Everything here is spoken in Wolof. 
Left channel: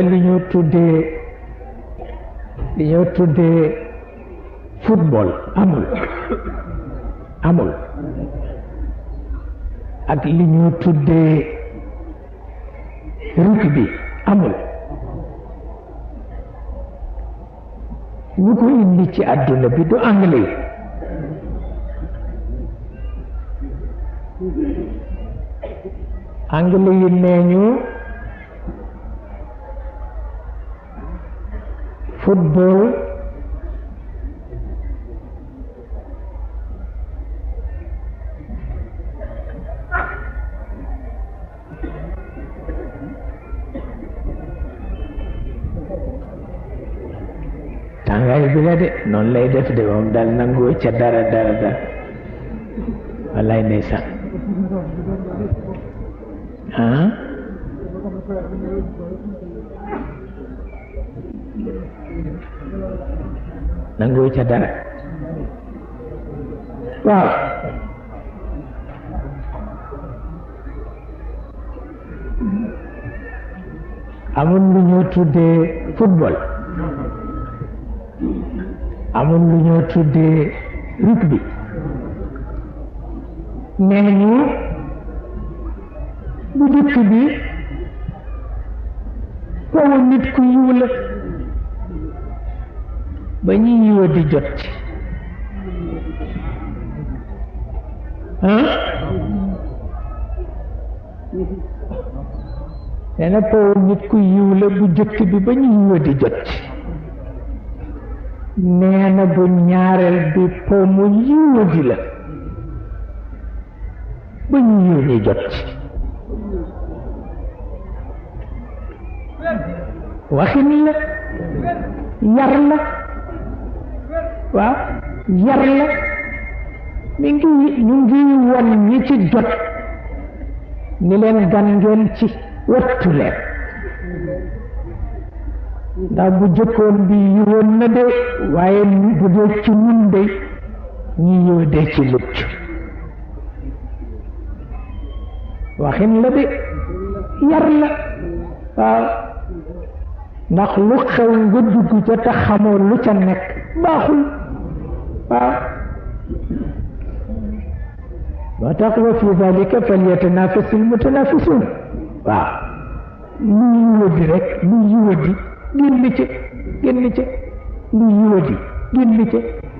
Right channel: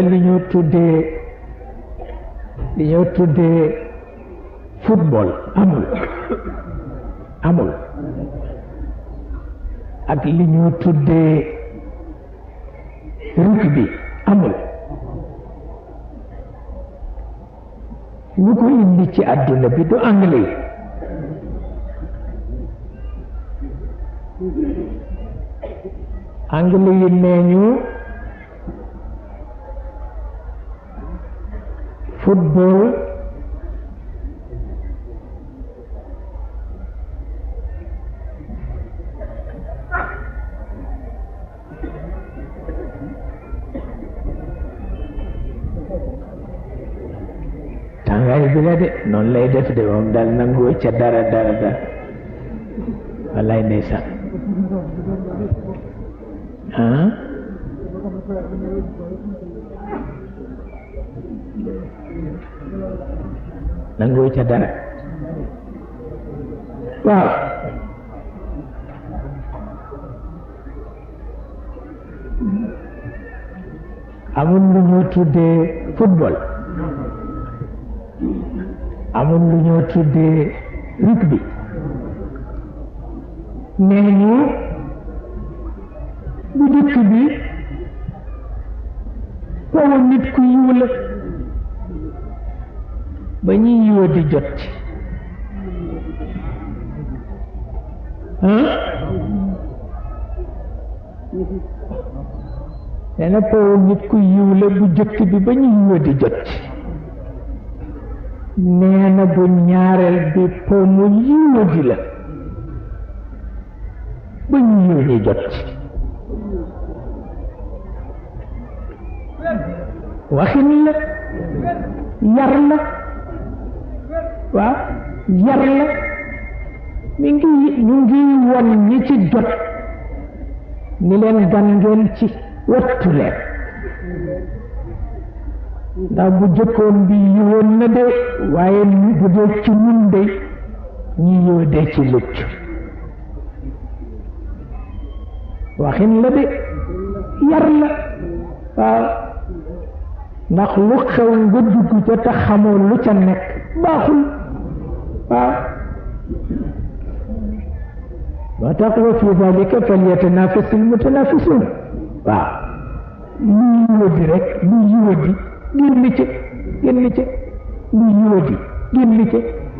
li ñoo tuddee football amul ak li ñoo tuddee rugby amul lu ko indi ci àdduna bi du anglais yi nee ñu football tàngaay bi la de noonu lay def de moom daal nangoo ca dara wallaay ndeysaan nangoo ca dara waaw amul lu ñoo tuddee football amul lu ñoo tuddee rugby nee ñu bu dëkk bi koo nit ku yiw la ba ñuy yiwa di jot ci nee na koo nit ku yiw la bu jëkk bi ba ñuy yiwa di jot ci nee na bu ñaareel bi po mu yiwa di la ba ñu yiw di jot ci waxin la yar la waaw yar la ñu ngi won ñi ci jot ni leen gan ngeen ci wattu leen ndax bu jëkkoon bi yiwoon na de waaye bu dee ci ñun de ñi yiw dee ci lucc waxin la de yar la waaw ndax lu xew nga dugg ca te xamoo lu ca nekk baaxul waaw moo tax wa fi dalika falyatanafasil mutanafisun waaw lu yiwadi rek lu yiwadi génn ca lu yiwadi génn ca